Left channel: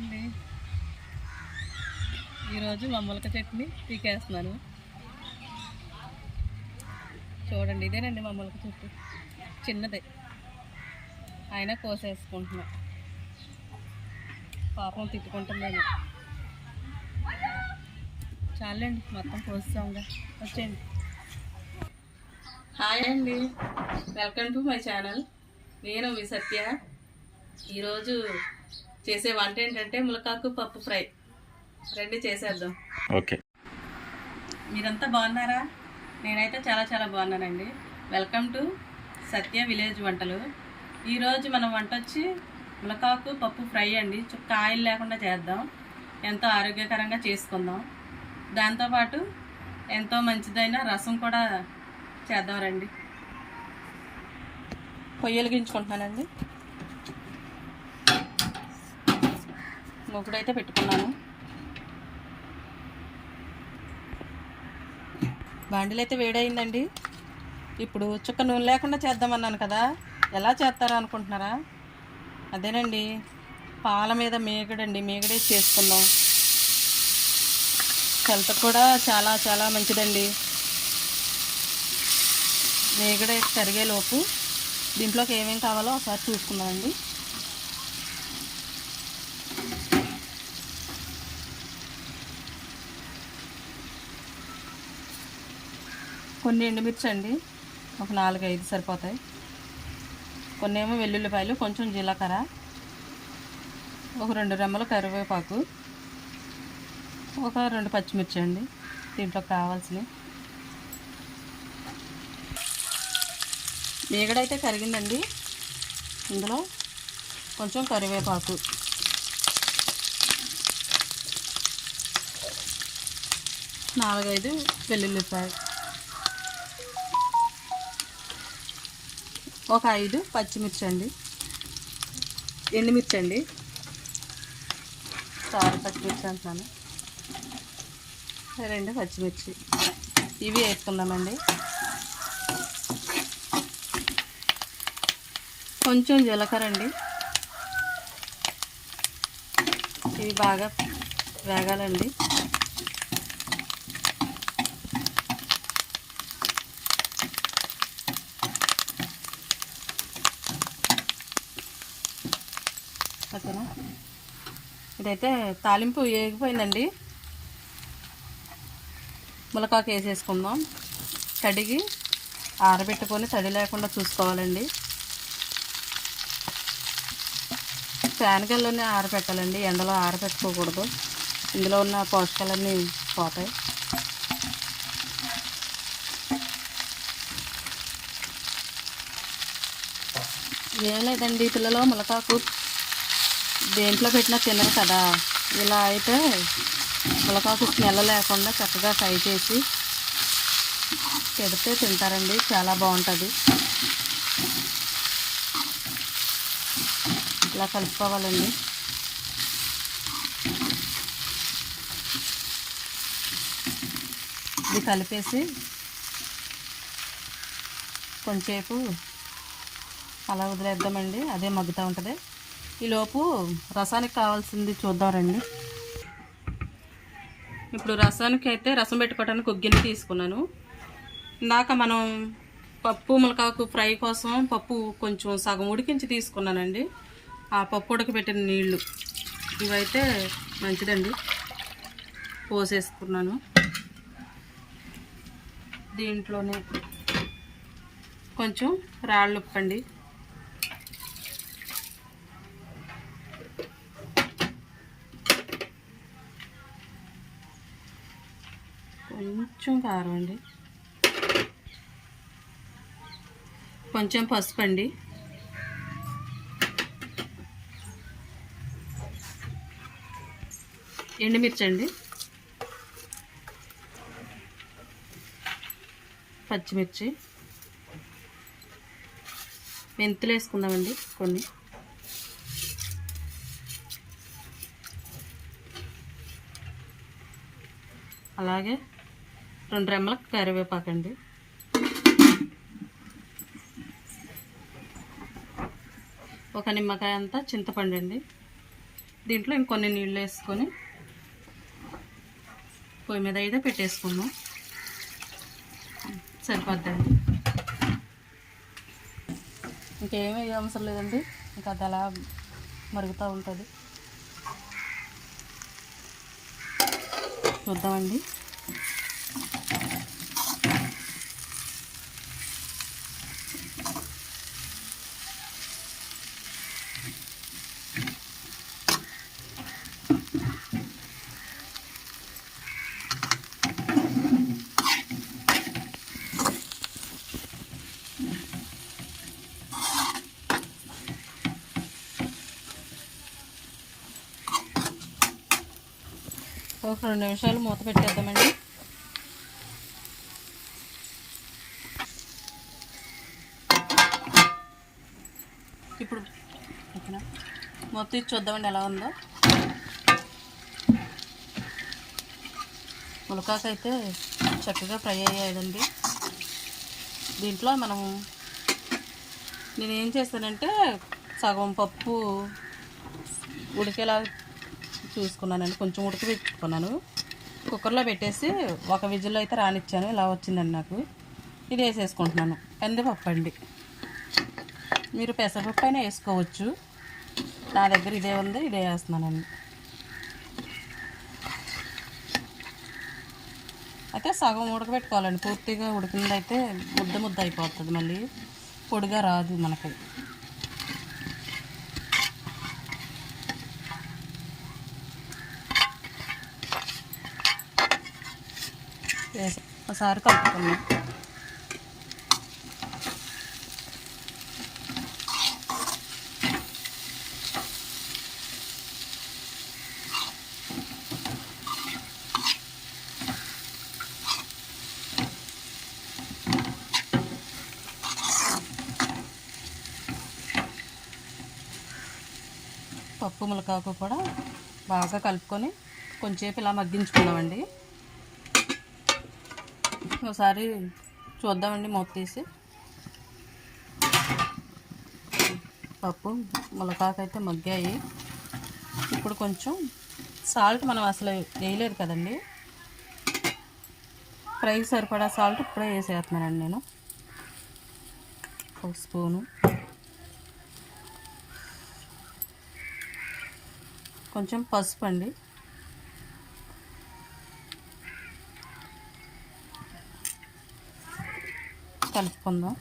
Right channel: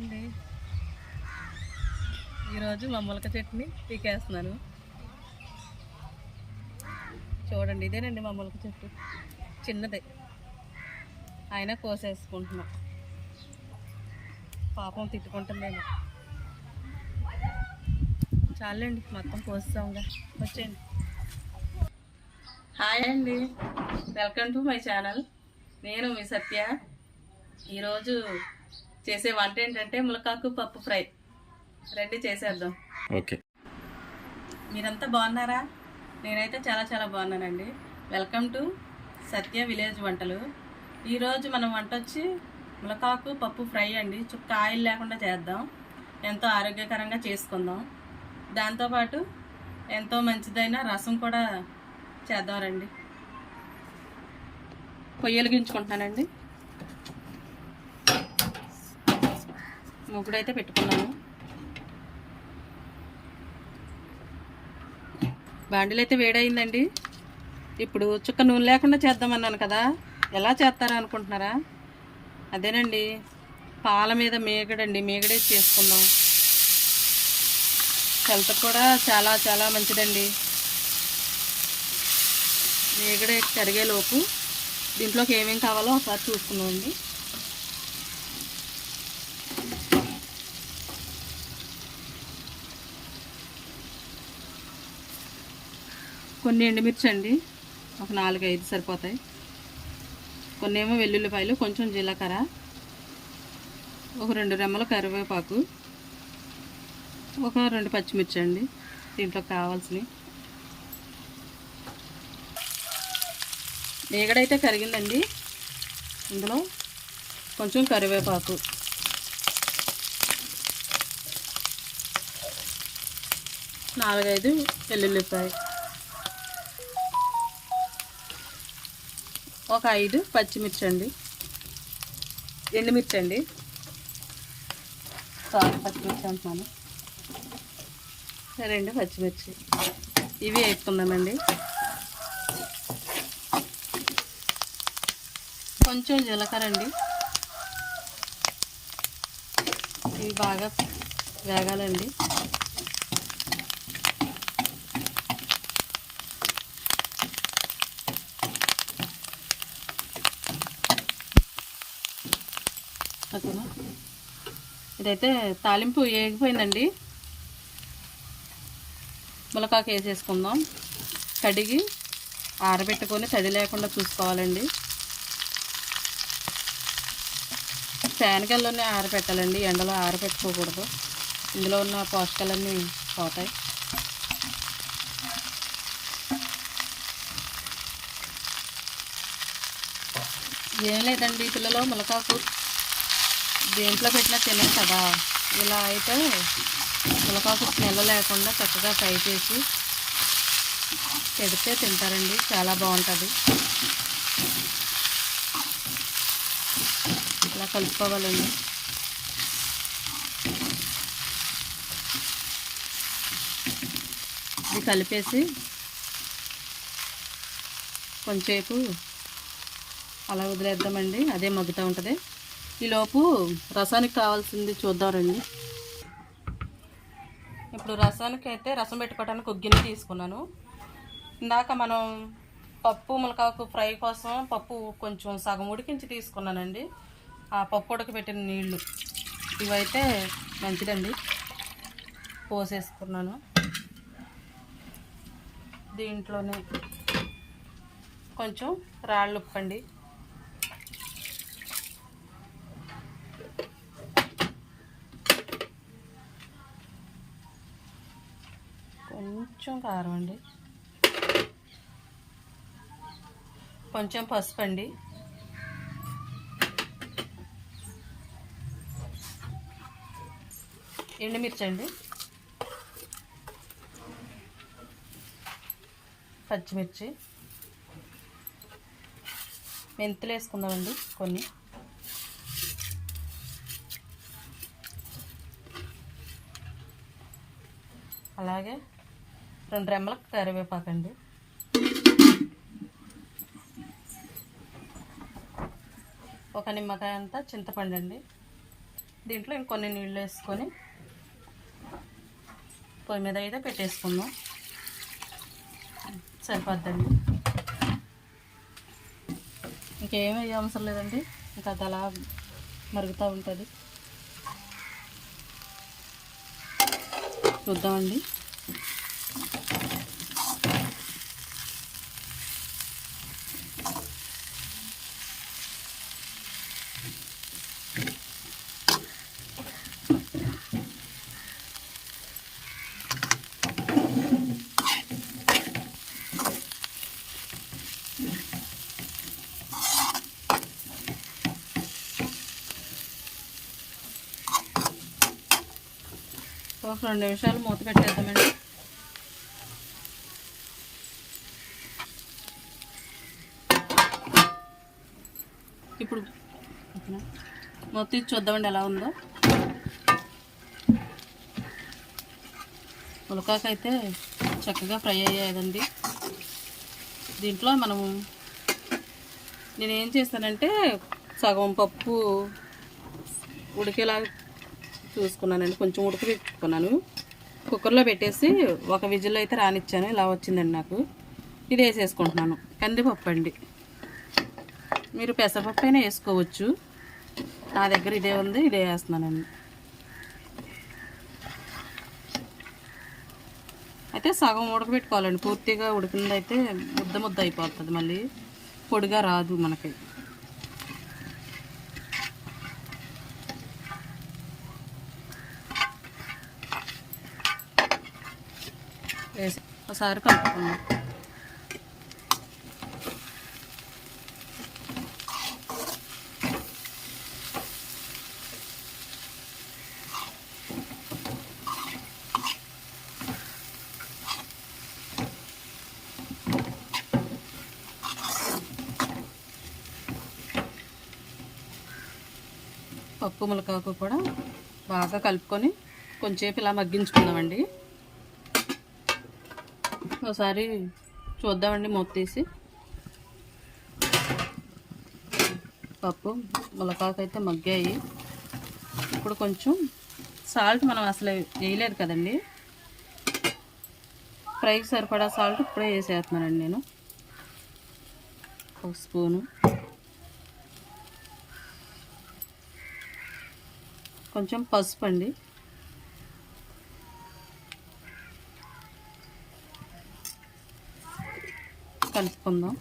అండి ఈరోజు మా మొలక చట్నీ పీకేస్తున్నాను. చూడండి ఇదేనండి మా మొలక చెట్టు చిన్నదే. అయినా కోసేసుకుంటున్నాం. పాపం తిట్టుకుంటుందేమో. చాలండి మొత్తం కోస్తాంగా వచ్చేయండి. హాయ్ అండి. Welcome to my channel. నేను మీ సత్య. ఈరోజు చేసే వంట ఏంటంటే ములకాకు పప్పు ఫ్రై. రండి చేసేద్దాం. ఓకే. మీరంతా బాగున్నారా? నేనైతే చాలా చాలా బాగున్నానండి. వెల్కమ్ టు సత్య విలేజ్ వంటలు. ఈరోజు మనం వంట వచ్చి ములకాకు పప్పు ఫ్రై అండి. చుక్క ఆయిల్ లేకుండా చేద్దాం. ఎంతో ఆరోగ్యకరంగా చేసుకుందాం. దాంతోపాటు ఎంతో మంచిదైన రసం కూడా చేద్దాం రండి. పొయ్యి వెలిగించుకుంటున్నానండి ముగ్గుడైతే పెట్టుకున్నాను. బాండిల్ అయితే వేడైందండి. ఇప్పుడు చుక్క నూనె లేకుండా చేద్దామన్నాను కదా ఎలా చేస్తారో అనుకుంటున్నారా? అదేనండి పాల మీద మేగడండి మేగడే చేసుకుందాం. హెల్త్ కూడా చాలా చాలా మంచిదండి. మేగడే కరిగేలోపు దీంట్లోకి ఏమేమి కావాలో ఒకసారి చూసుకుందామండి. కొన్ని ఎండుమిర్చి అండి. ఒక నాలుగు ఐదు సరిపోతాయి. కొన్ని ఏమో వెల్లుల్లిపాయలు కొంచెం జీలకర్ర. ఒక రెండు రెమ్మల కరివేపాకు. ఒక రెండు పచ్చిమిర్చి అండి. దీంట్లో కావాల్సినవి. మీగడైతే కరిగిందండి. ఇందులో కొంచెం కరివేపాకు. నాలుగైదు వెల్లుల్లిపాయ ఒక ఐదు పచ్చిమిర్చి అండి. ఎండుమిర్చి అండి. సారీ పచ్చిమిర్చి అంటున్నాను. రెండు పచ్చిమిర్చి. ఇవి వేసుకుందామండి. కొంచెం జీలకర్ర అండి. ఇవి బాగా వేగాలండి. ఇదైతే తాలింపు వేగిపోయిందండి ములకాకు వేసేసుకుందాం. కడిగి ఆరబెట్టుకొని తడి లేకుండా చూసుకోవాలండి. ఫ్యాన్కెళ్ళని ఆరబెట్టాలండి. ఎండలో ఆరబెట్టుకోకూడదు. ఇందులో ఉన్న పోషకాలన్నీ పోతాయి. ఏం లేదండి పిల్లలు ములకాకు దేంట్లో పెట్టినా తినరు కదా. ఇలా అయితే ములకాకు స్మెల్ లేకుండా చక్కగా ఫ్రై చేసి పెడితే తింటారండి. చాలా బాగుంటుంది. ఇలా కలుపుకోవాలండి. ఇది కలిపేసి కొంచెంసేపు అలా వదిలేద్దామండి. అదే మగ్గుతూ ఉంటుంది. ఈలోపు రసానికి కావాల్సింది చూద్దాం రండి ఇప్పుడు రసానికి అయితే రసం పెట్టుకోవడానికి ఒక గిన్నె తీసుకున్నాను. ఇందాక మనం పప్పు ములకాకు ఫ్రై కోసం పప్పు కొంచెం సగం ఉడికించి తీసుకున్నానండి. ఆ పప్పు ఉడకబెట్టిన నీళ్ళు ఇవైతే మంచిదండి. పోసేసుకున్నాను. దీంట్లోనే కొంచెం రాళ్ళు ఉప్పండి కొంచెం కారం అండి. కొంచెం పసుపు అండి. ఎండుమిర్చి అండి. పచ్చిమిర్చి. మెంతులు వేసుకుందామండి కొన్ని. అలాగే రెండు రెమ్మలకు కరివేపాకండి ఒక నిమ్మకాయ అంతా చింతపండు అండి. దీంట్లో ఇంకొన్ని నీళ్ళు వేసుకొని పొయ్యి మీద అయితే పెట్టేసుకుందాం. సరిపోద్దండి. ఇంకేమీ అవసరం లేదండి. ఇంకా అది అలా మరుగుతూ ఉంటుంది. చూద్దామండి. ఒక రెండు నిమిషాలు మూత పెట్టేద్దామండి. ఇప్పుడు మొత్తం ఇచ్చి చూద్దామండి ఎలా ఉందో. ఉలకాకైతే చక్కగా ఫ్రై అయ్యాయండి దీంట్లో మనము నేను ఏం చేస్తానంటే సగం పప్పు ఉడికేలా చూసుకున్నానండి. కొంచెం ఉడికి పెట్టుకున్నాను కుక్కర్లో పెట్టేసి ఒక విజిల్ అయితే రానిచ్చాను. ఇలా వచ్చిందండి నాకు. ఇది వేసేసుకుంటున్నాను. కందిపప్పు అండి. మీరు పెసరపప్పు అయినా వేసుకోవచ్చు. నా దగ్గర ఇదే ఉంది ఇదే వేస్తున్నానండి. అయితే సగం ఉడకబెట్టుకోవాలండి. పూర్తిగా ఉడికిందైతే ముద్ద ముద్ద అయిపోతుంది మళ్ళీ. పొడిగా రాదు మనకి. వేసి ఒకసారి కలుపుకుందాం. పప్పు ములకాకు కూడా బాగా కలుపుకొని కొంచెంసేపు ఇలా మగ్గించుకున్నామండి ఒకసారి చూద్దామండి మూత తీసి. పప్పు ములకాకు అయితే మగ్గాయి. ఇప్పుడు కొంచెం సాల్ట్ మనం అసలు వేయలేదు కదండి. ఫ్రైకి సరిపడా సాల్ట్ ఇప్పుడే వేసేస్తున్నానండి నేను. ఒక స్పూను. కొంచెం పసుపు అండి. కలుపుకుందాం.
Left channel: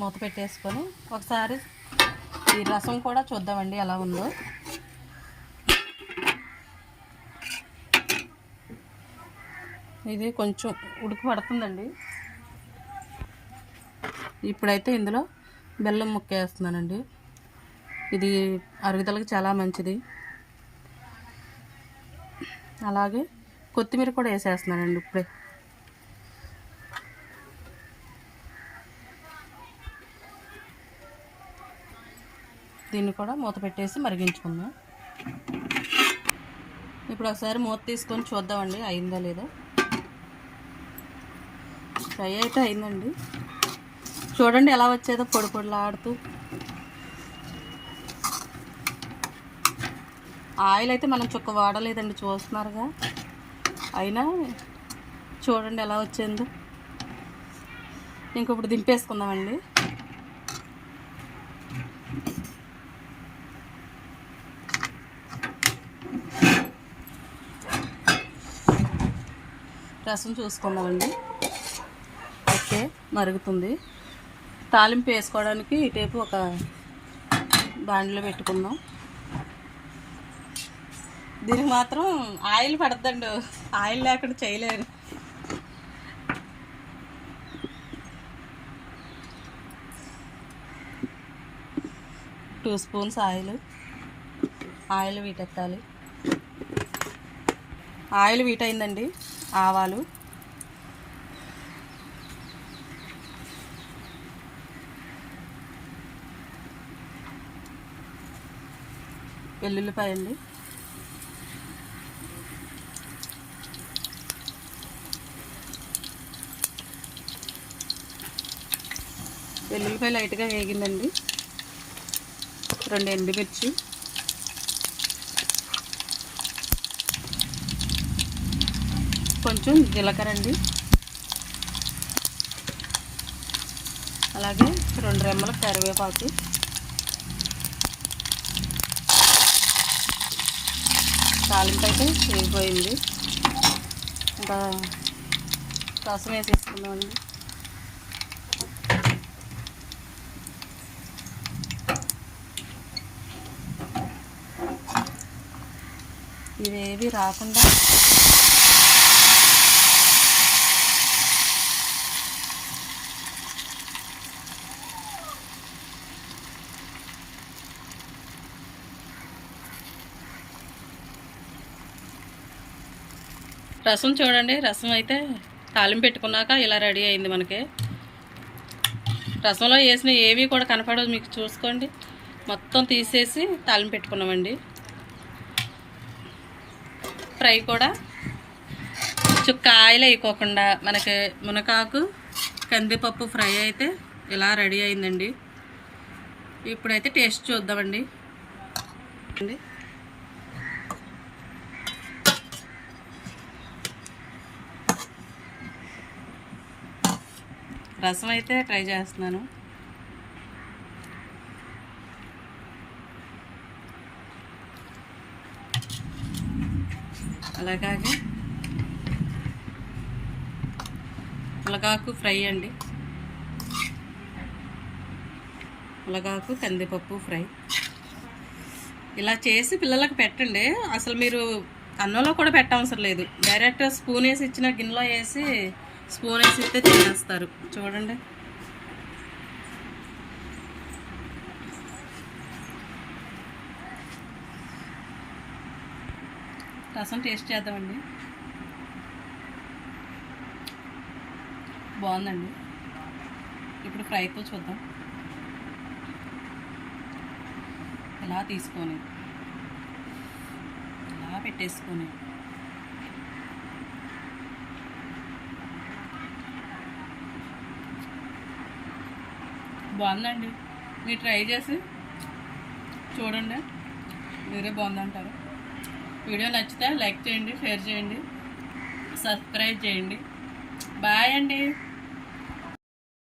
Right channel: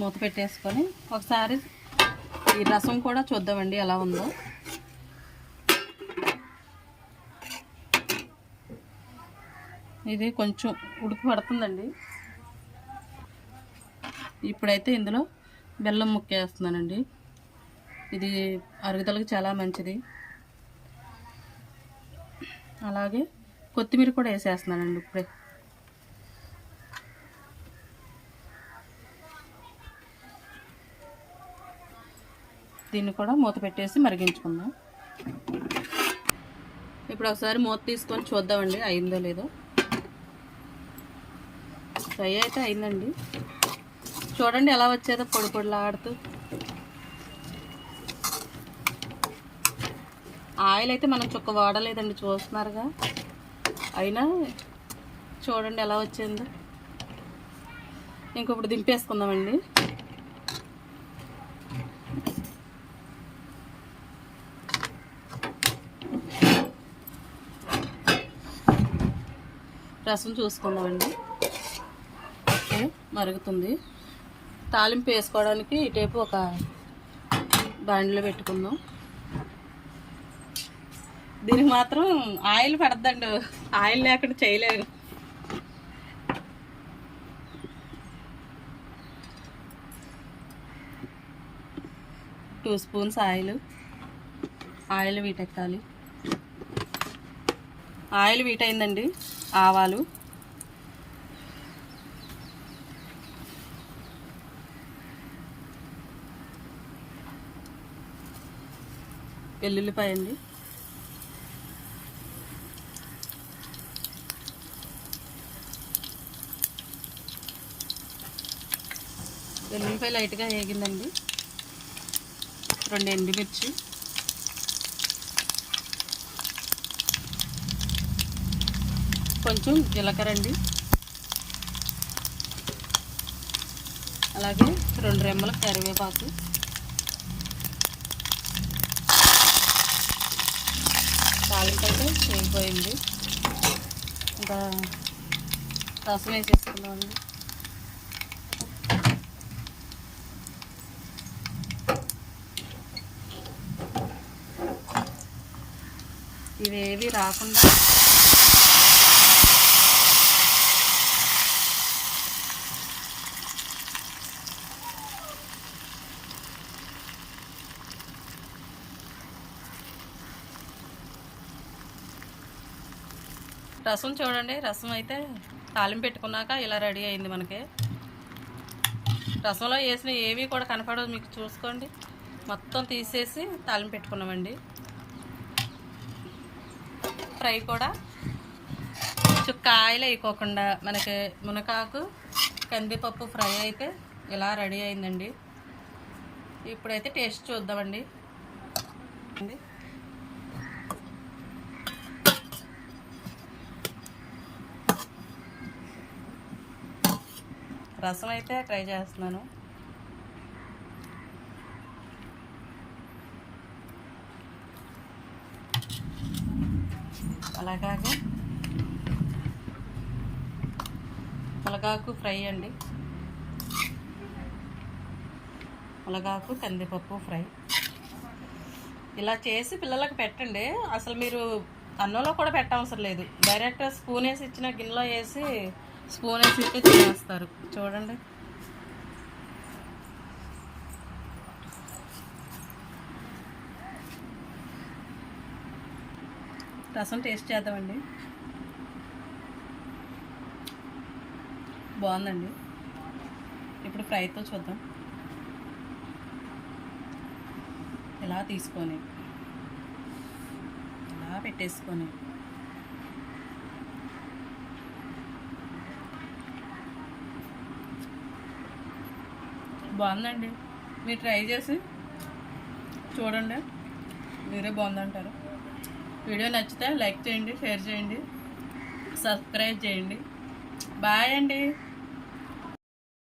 మూత పెట్టేసుకొని ఒకసారి ఈ రసం కూడా చూద్దామండి ఎలా ఉందో. ఇది కొంచెం ఉడికి పడుతుందండి. ఇప్పుడైతే ఇందులో బెల్లం ముక్క వేస్తున్నానండి. ఇది అరుగుదలకి చాలా మంచిది. అలాగే కొత్తిమీర కూడా వేసేస్తున్నానండి ఇప్పుడే. దీన్ని కూడా మూత పెట్టేసి మరిగించుకుందాం. ఇప్పుడు ఒకసారి మూత తీసుకొని చూద్దామండి అయిందో లేదో. ఫ్రై అయితే అయిందండి. చూడండి ఎలా వచ్చేదో పొడి పొడిలాడుతూ ఆయిల్ అయితే మనం చుక్క వాడలేదండి చూస్తున్నారుగా. అయినా చూడండి ఎలా వచ్చిందో. ఇంకొప్పుడు దింపేసుకుందామండి. రసం చూసుకుందామండి. ఓకే మరుగుతుంది. తాలింపు వేసుకోవడానికి ఇటేపు ఒక బాండిలో పెట్టుకుందాం. దీనికి మాత్రం ఆయిల్ పడద్దండి. ఆయిల్ లేకుండా చేయలేరు. Two spoons oil. ఆయిల్ వీటెట్టాలి ఆయిల్ వీటైందండి. ఆవాలు. వెల్లుల్లిపాయ అండి వెల్లుల్లిపాయ లైట్గా వేగిందండి. రెండు ఎండుమిర్చి. కొంచెం జీలకర్ర అండి. అలాగే రెండు రెమ్మల కరివేపాకు. తాలింపైతే వేగిపోయింది ఇంకా రసం వేసేసుకున్నామండి ఇవేవి రాకుండా రసం చూడండి రసం అయితే తాలింపు పెట్టుకున్నాక ఇలా రెడీ అయింది మనకి. రసంలో వేసిన ఏవి కూడా కనపడదు మీకు చూసుకోండి. మొత్తం తీసేసి తాలింపు పెట్టుకున్నామండి. ఫ్రై కూడా కొంచెం కాయలు అయిపోకుండా మనకి మునకాకు కందిపప్పు ఫ్రై అయితే ఇలా రెడీ అయిందండి. ఇప్పుడైతే టేస్ట్ చూద్దామండి. అండి రసం అయితే ట్రై చేస్తున్నాను. అలాగే ములగాకు ఫ్రై అండి. ములగాకు కందిపప్పు ఫ్రై. ఇలా చేసి పిల్లలకు పెట్టండి. అసలు మీరు అన్నంలో కూడా పెట్టవసరం లేదు. డైరెక్ట్ స్పూన్ వేసి ఇచ్చిన గిన్నెలో వేసి స్పూన్ వేసి ఇస్తే తినేస్తారు. చూడండి. రసం టేస్ట్ చేద్దామండి. బాగుందండి. ఇప్పుడు ఫ్రైతో చూద్దాం. ఇలా తీసుకొని ఇలా పెట్టేసుకొని బాగుందండి. మీరు ట్రై చేసి చూడండి. మీరే బాగుందంటారు. వీడియో నచ్చితే లైక్ చేయండి షేర్ చేయండి సబ్స్క్రైబ్ చేయండి. బాయ్ అండి.